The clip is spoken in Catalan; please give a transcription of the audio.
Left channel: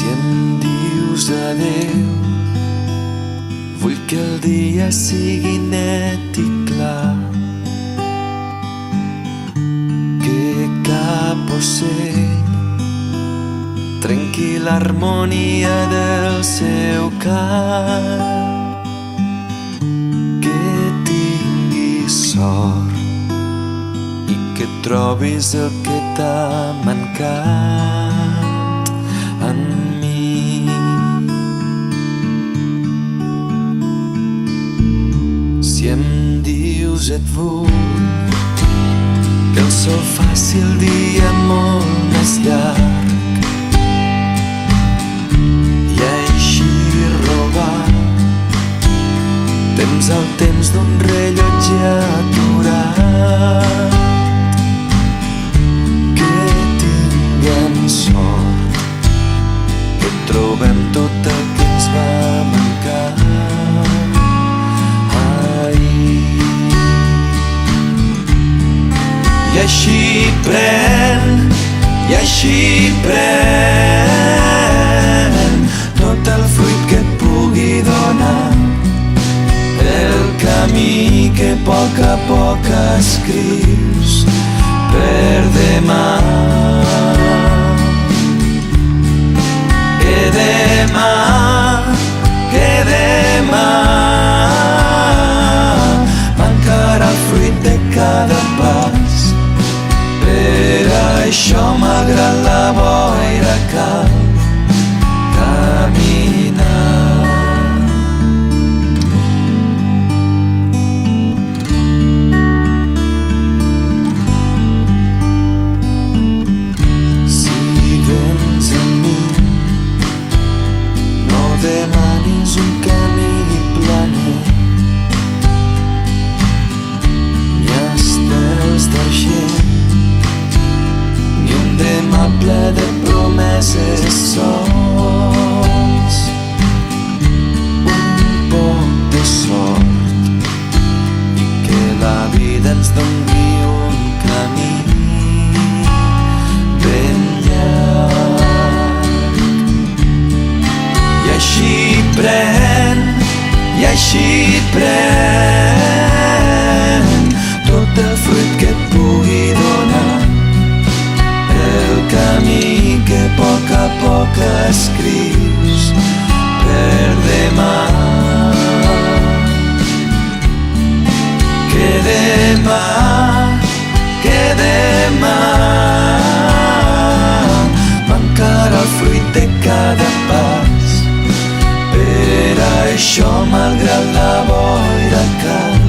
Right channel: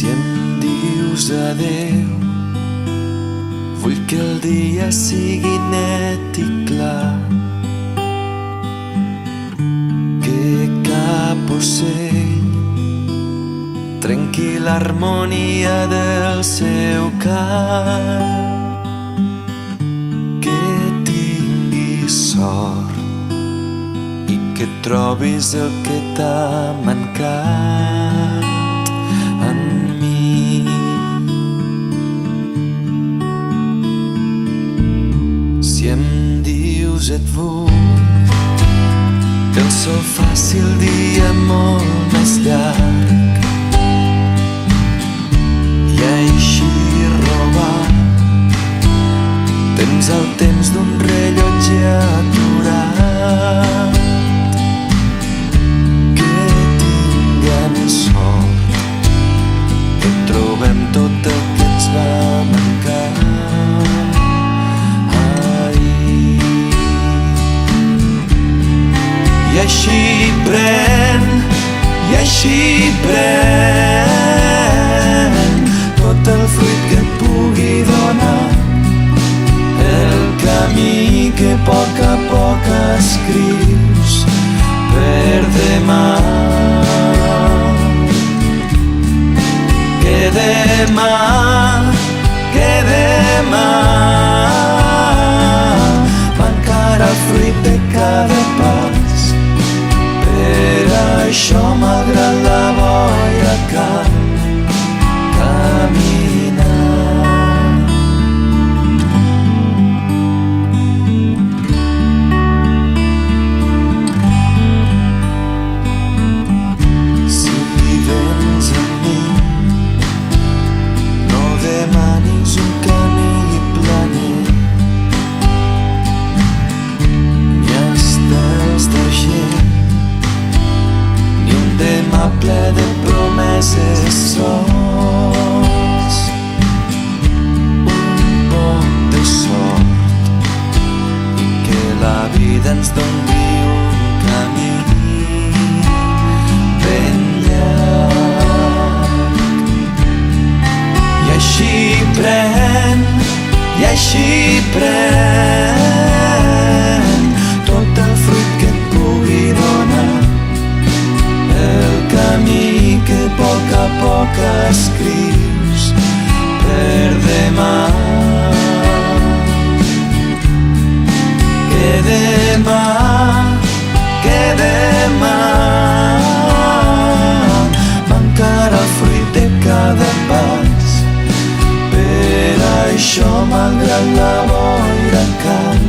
Si em dius adeu, vull que el dia sigui net i clar, que cap ocell trenqui l'harmonia del seu cant, que tinguis sort i que trobis el que t'ha mancat en mi. Si em dius et vull, el sol faci el dia molt més llarg i així robar temps al temps d'un rellotge aturat, que tinguem sort, que trobem tot el que ens va mancar ahir. I així pren tot el fruit que et pugui donar, el camí que a poc escrius per demà. Que demà mancarà el fruit de cada pas. Per això, malgrat la boira, cal caminar. Si vens amb mi, no demanis un camí planer, ni estels d'argent, ni un demà ple de promeses sols. Un poc de sort i que la vida ens doni un camí ben llarg. I així pren tot el fruit que et pugui donar, el camí que a poc escrius per demà. Que demà mancarà el fruit de cada pas. Per això, malgrat la boira, cal